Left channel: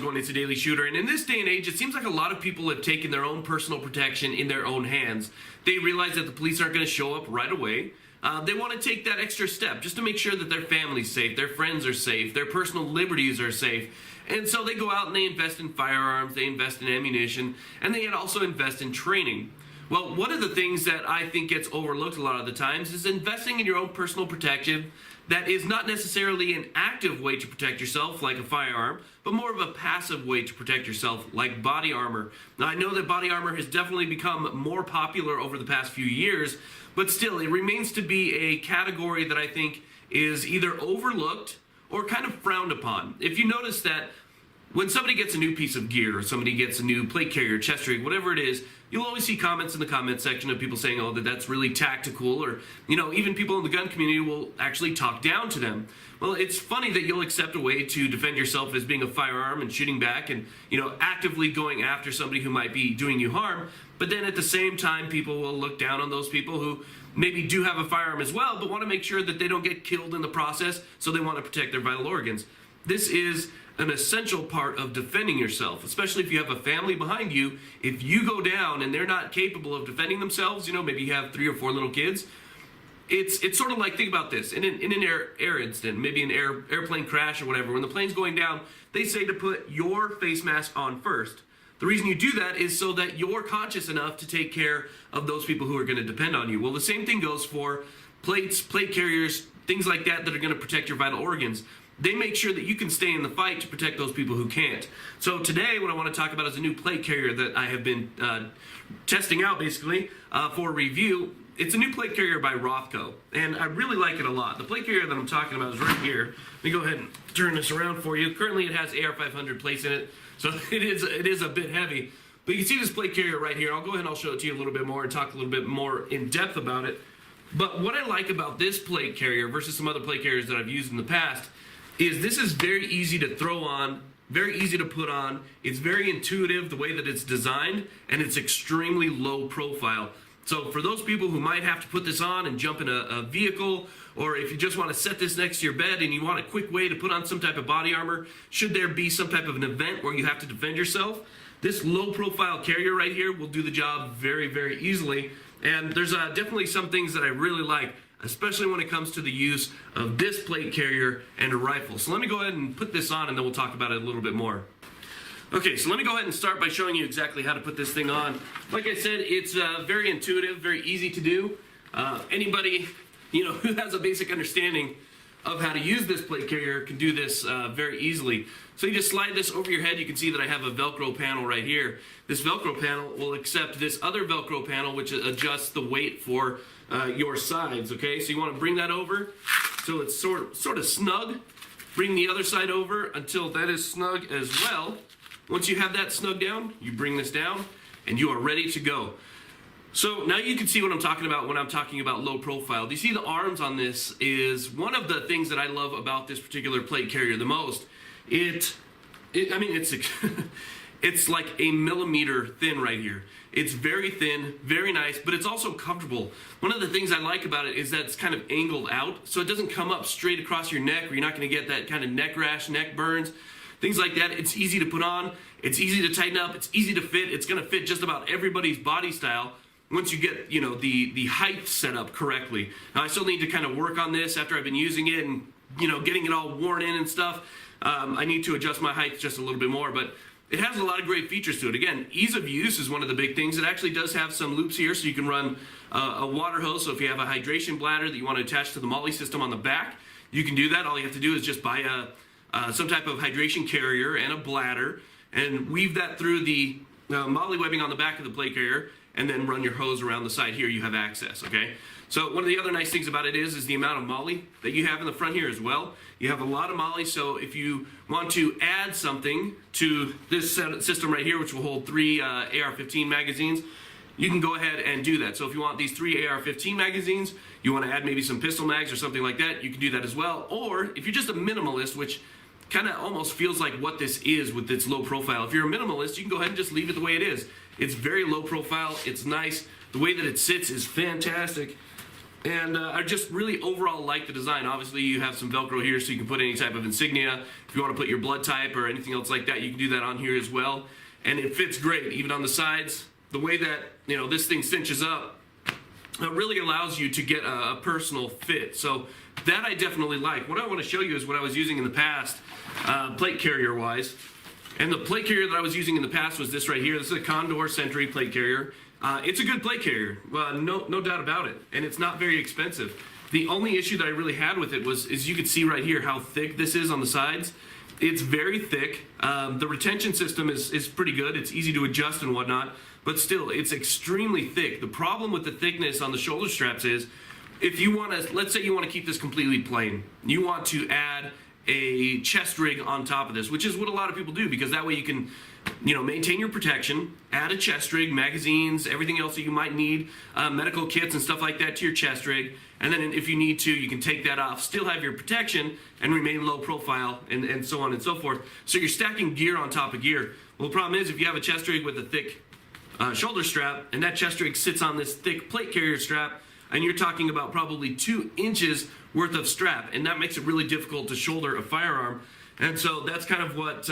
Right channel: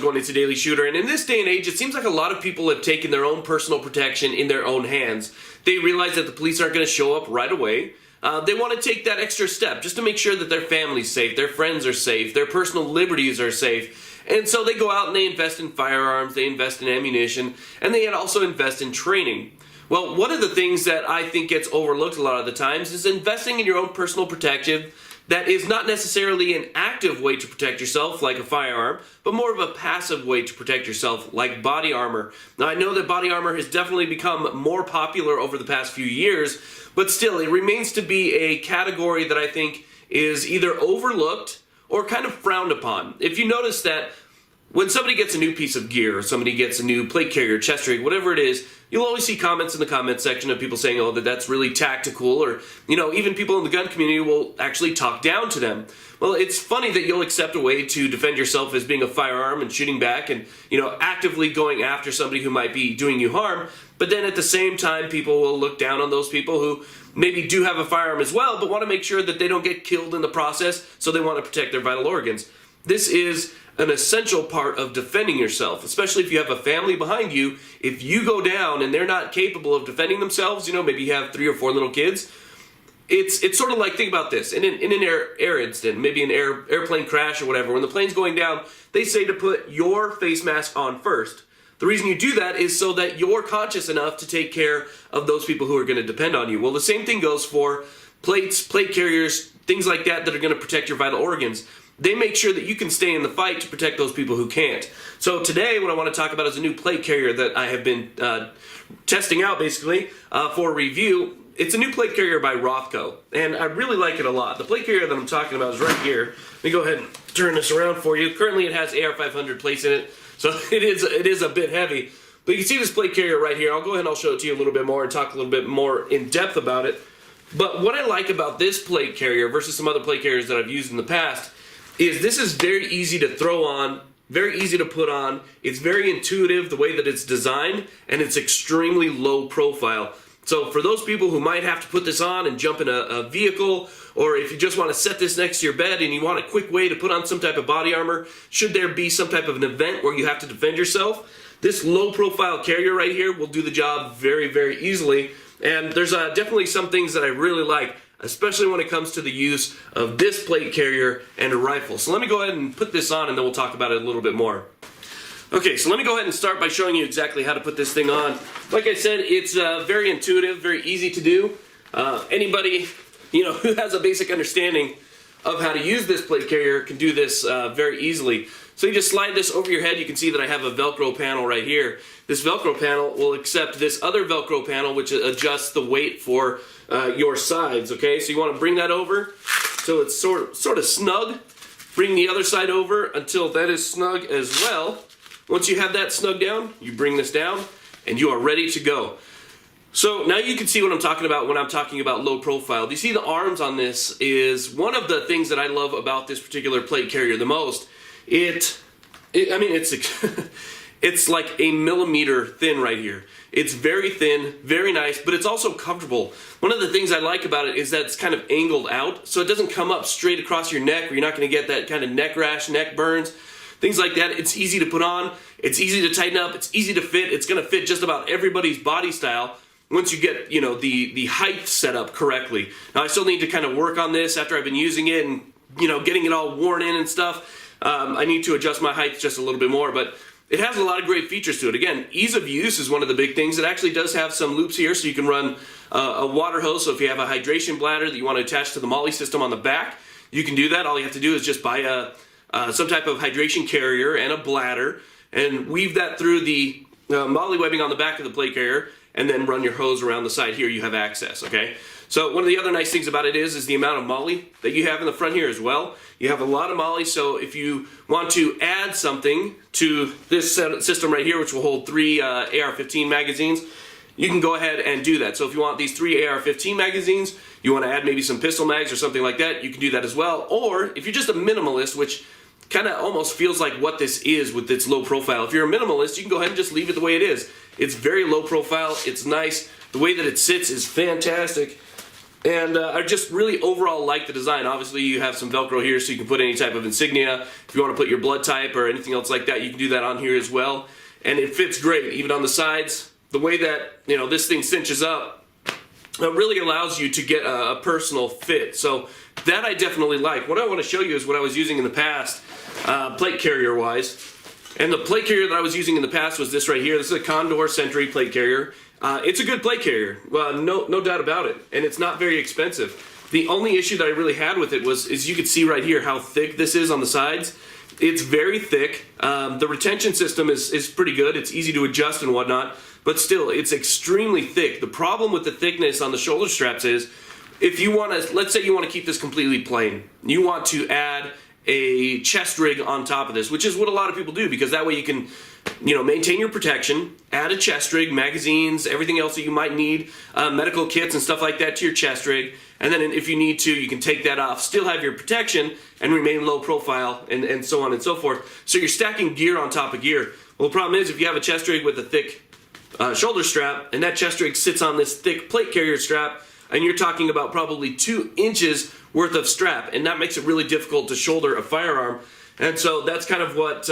it going? It's a Daily Shooter, and in this day and age, it seems like a lot of people have taken their own personal protection in their own hands. They realize that the police aren't going to show up right away. They want to take that extra step just to make sure that their family's safe, their friends are safe, their personal liberties are safe. And so they go out and they invest in firearms, they invest in ammunition, and they also invest in training. Well, one of the things that I think gets overlooked a lot of the times is investing in your own personal protection that is not necessarily an active way to protect yourself like a firearm, but more of a passive way to protect yourself like body armor. Now, I know that body armor has definitely become more popular over the past few years, but still, it remains to be a category that I think is either overlooked or kind of frowned upon. If you notice that when somebody gets a new piece of gear, or somebody gets a new plate carrier, chest rig, whatever it is, you'll always see comments in the comment section of people saying, oh, that's really tactical, or, even people in the gun community will actually talk down to them. Well, it's funny that you'll accept a way to defend yourself as being a firearm and shooting back and, actively going after somebody who might be doing you harm, but then at the same time, people will look down on those people who maybe do have a firearm as well, but want to make sure that they don't get killed in the process, so they want to protect their vital organs. This is an essential part of defending yourself, especially if you have a family behind you. If you go down and they're not capable of defending themselves, maybe you have 3 or 4 little kids, it's sort of like, think about this, in an air incident, maybe an airplane crash or whatever, when the plane's going down, they say to put your face mask on first. The reason you do that is so that you're conscious enough to take care of those people who are going to depend on you. Well, the same thing goes for plates, plate carriers, things like that that are going to protect your vital organs. They make sure that you can stay in the fight to protect those people who can't. So today, what I want to talk about is a new plate carrier that I have been testing out, basically, for review. It's a new plate carrier by Rothco, and I really like it a lot. The plate carrier that I'm talking about is right here. Let me go ahead and turn this around for you. Currently, it has AR-500 plates in it, so it is a bit heavy. But you can see this plate carrier right here. I'll go ahead and I'll show it to you a little bit more and talk a little bit more in depth about it. But what I like about this plate carrier versus some other plate carriers that I've used in the past is this is very easy to throw on, very easy to put on. It's very intuitive the way that it's designed, and it's extremely low profile. So for those people who might have to put this on and jump in a vehicle, or if you just want to set this next to your bed and you want a quick way to put on some type of body armor, should there be some type of an event where you have to defend yourself, this low profile carrier right here will do the job very, very easily. And there's definitely some things that I really like, especially when it comes to the use of this plate carrier and a rifle. So let me go ahead and put this on and then we'll talk about it a little bit more. Okay, so let me go ahead and start by showing you exactly how to put this thing on. Like I said, it's very intuitive, very easy to do. Anybody who has a basic understanding of how to use this plate carrier can do this very easily. So you just slide this over your head. You can see that I have a Velcro panel right here. This Velcro panel will accept this other Velcro panel, which adjusts the weight for your sides, okay? So you want to bring that over so it's sort of snug. Bring the other side over until that is snug as well. Once you have that snug down, you bring this down and you are ready to go. So now you can see what I'm talking about when I'm talking about low profile. Do you see the arms on this is one of the things that I love about this particular plate carrier the most. It's it's like a millimeter thin right here. It's very thin, very nice, but it's also comfortable. One of the things I like about it is that it's kind of angled out, so it doesn't come up straight across your neck where you're not going to get that kind of neck rash, neck burns, things like that. It's easy to put on, it's easy to tighten up, it's easy to fit. It's going to fit just about everybody's body style once you get the height set up correctly. Now I still need to kind of work on this after I've been using it and getting it all worn in and stuff. I need to adjust my height just a little bit more, but it has a lot of great features to it. Again, ease of use is one of the big things. It actually does have some loops here, so you can run a water hose. So if you have a hydration bladder that you want to attach to the MOLLE system on the back, you can do that. All you have to do is just buy some type of hydration carrier and a bladder and weave that through the MOLLE webbing on the back of the plate carrier, and then run your hose around the side here. You have access, okay? So one of the other nice things about it is the amount of MOLLE that you have in the front here as well. You have a lot of MOLLE, so if you want to add something to this system right here, which will hold 3 AR-15 magazines, you can go ahead and do that. So if you want these 3 AR-15 magazines, you want to add maybe some pistol mags or something like that, you can do that as well. Or if you're just a minimalist, which kind of almost feels like what this is with its low profile. If you're a minimalist, you can go ahead and just leave it the way it is. It's very low profile, it's nice. The way that it sits is fantastic. And I just really overall like the design. Obviously, you have some Velcro here so you can put any type of insignia. If you want to put your blood type or anything else like that, you can do that on here as well. And it fits great, even on the sides. The way that, you know, this thing cinches up, it really allows you to get a personal fit. So that I definitely like. What I want to show you is what I was using in the past, plate carrier wise. And the plate carrier that I was using in the past was this right here. This is a Condor Sentry plate carrier. It's a good plate carrier, no doubt about it, and it's not very expensive. The only issue that I really had with it is you could see right here how thick this is on the sides. It's very thick. The retention system is pretty good. It's easy to adjust and whatnot, but still, it's extremely thick. The problem with the thickness on the shoulder straps is, if you want to, let's say you want to keep this completely plain, you want to add a chest rig on top of this, which is what a lot of people do, because that way you can, you know, maintain your protection, add a chest rig, magazines, everything else that you might need, medical kits and stuff like that to your chest rig, and then if you need to, you can take that off, still have your protection, and remain low profile, and so on and so forth. So you're stacking gear on top of gear. Well, the problem is, if you have a chest rig with a thick shoulder strap, and that chest rig sits on this thick plate carrier strap, and you're talking about probably 2 inches worth of strap, and that makes it really difficult to shoulder a firearm. And so that's kind of what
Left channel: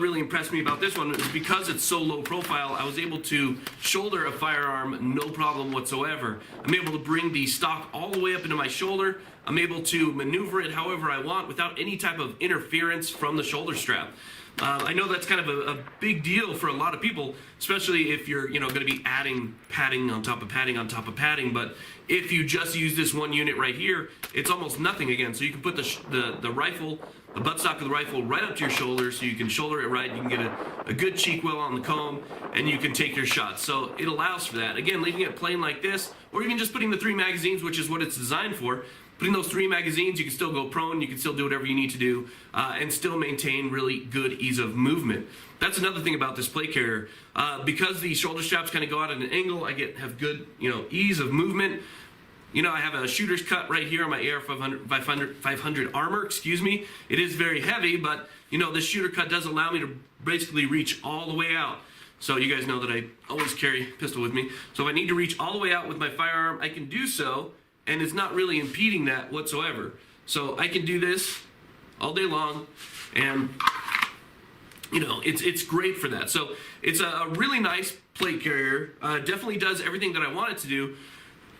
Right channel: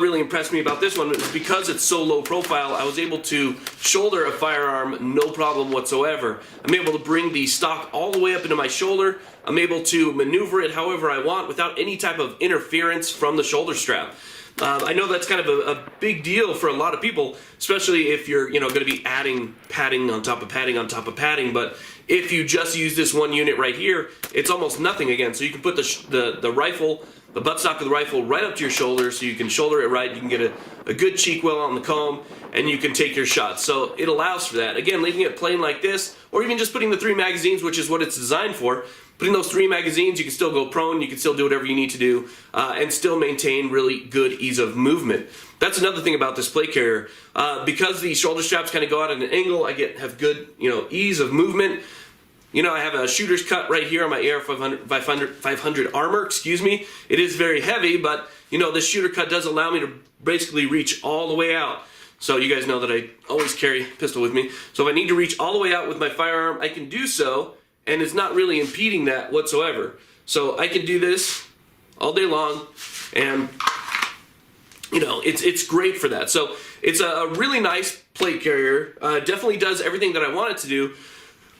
really impressed me about this one, is because it's so low profile, I was able to shoulder a firearm no problem whatsoever. I'm able to bring the stock all the way up into my shoulder. I'm able to maneuver it however I want without any type of interference from the shoulder strap. I know that's kind of a big deal for a lot of people, especially if you're, you know, going to be adding padding on top of padding on top of padding. But if you just use this one unit right here, it's almost nothing again. So you can put the rifle, the buttstock of the rifle, right up to your shoulder, so you can shoulder it right. You can get a good cheek well on the comb, and you can take your shots. So it allows for that. Again, leaving it plain like this, or even just putting the 3 magazines, which is what it's designed for. Putting those 3 magazines, you can still go prone, you can still do whatever you need to do, and still maintain really good ease of movement. That's another thing about this plate carrier. Because the shoulder straps kind of go out at an angle, I have good, you know, ease of movement. You know, I have a shooter's cut right here on my AR 500 armor, excuse me. It is very heavy, but, you know, this shooter cut does allow me to basically reach all the way out. So you guys know that I always carry a pistol with me. So if I need to reach all the way out with my firearm, I can do so, and it's not really impeding that whatsoever. So I can do this all day long, and, you know, it's great for that. So it's a really nice plate carrier. Definitely does everything that I want it to do,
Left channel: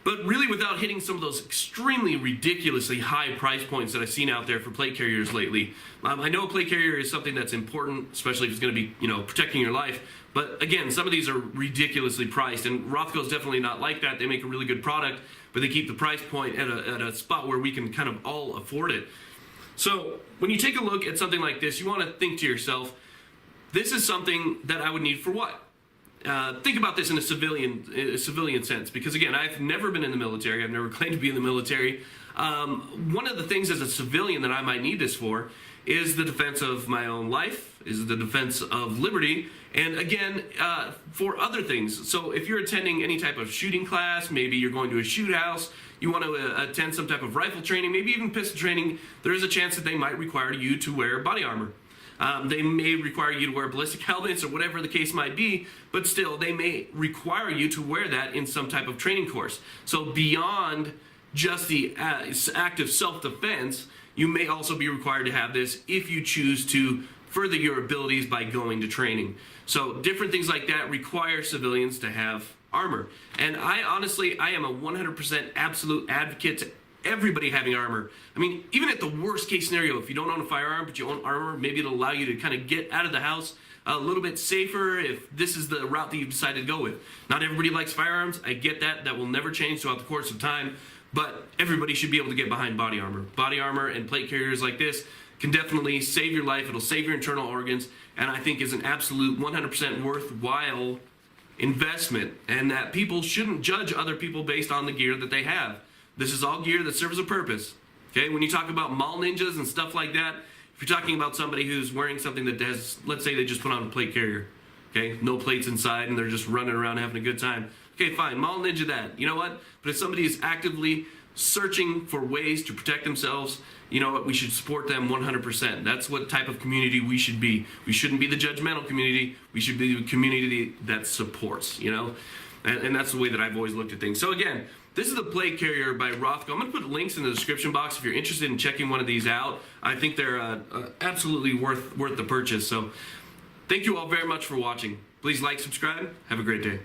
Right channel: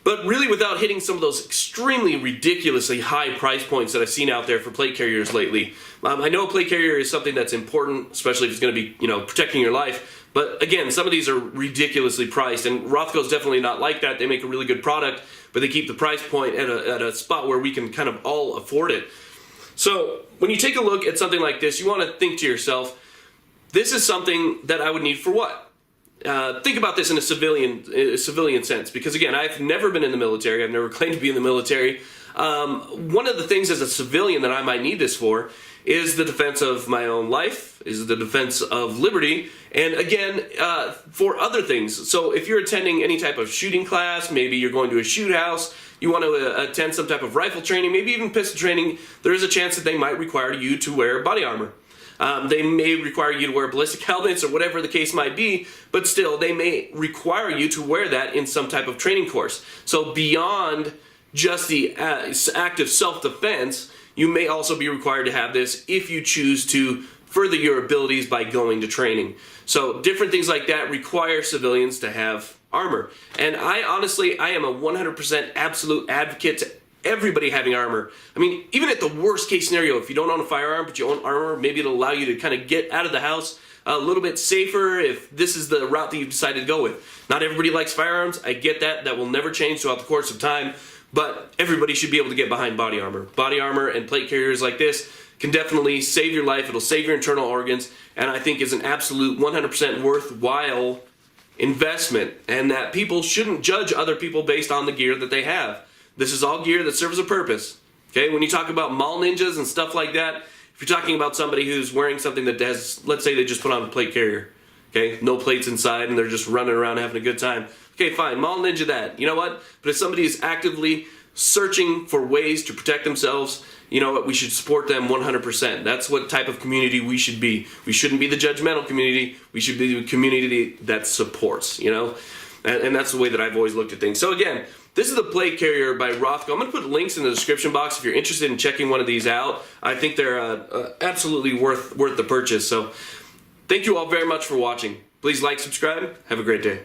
but really without hitting some of those extremely ridiculously high price points that I've seen out there for plate carriers lately. I know a plate carrier is something that's important, especially if it's going to be, you know, protecting your life. But again, some of these are ridiculously priced, and Rothco's definitely not like that. They make a really good product, but they keep the price point at a spot where we can kind of all afford it. So when you take a look at something like this, you want to think to yourself, this is something that I would need for what? Think about this in a civilian sense, because again, I've never been in the military. I've never claimed to be in the military. One of the things as a civilian that I might need this for is the defense of my own life, is the defense of liberty, and again, for other things. So if you're attending any type of shooting class, maybe you're going to a shoot house, you want to attend some type of rifle training, maybe even pistol training, there is a chance that they might require you to wear body armor. They may require you to wear ballistic helmets or whatever the case might be, but still, they may require you to wear that in some type of training course. So beyond just the act of self-defense, you may also be required to have this if you choose to further your abilities by going to training. So different things like that require civilians to have armor. And I am a 100% absolute advocate to everybody having armor. I mean, even at the worst case scenario, if you don't own a firearm but you own armor, maybe it'll allow you to kind of get out of the house a little bit safer if this is the route that you've decided to go with. Not everybody likes firearms. I get that. That will never change throughout the course of time, but everybody should be able to get behind body armor. Body armor and plate carriers like this can definitely save your life. It'll save your internal organs, and I think is an absolute 100% worthwhile investment, and that people shouldn't judge other people based on the gear that they have. This is all gear that serves a purpose. Okay, when you talk about mall ninjas and stuff like that, if you're talking about somebody who's wearing something that has, let's say they just put on a plate carrier, okay, no plates inside and they're just running around having a good time. Okay, fine, mall ninja that. You know what? But if somebody is actively searching for ways to protect themselves, you know what? We should support them 100%. That's what type of community we should be. We shouldn't be the judgmental community. We should be the community that supports, you know? And that's the way that I've always looked at things. So again, This is the plate carrier by Rothco. I'm going to put links in the description box if you're interested in checking one of these out. I think they're absolutely worth the purchase. So thank you all very much for watching. Please like, subscribe. Have a great day.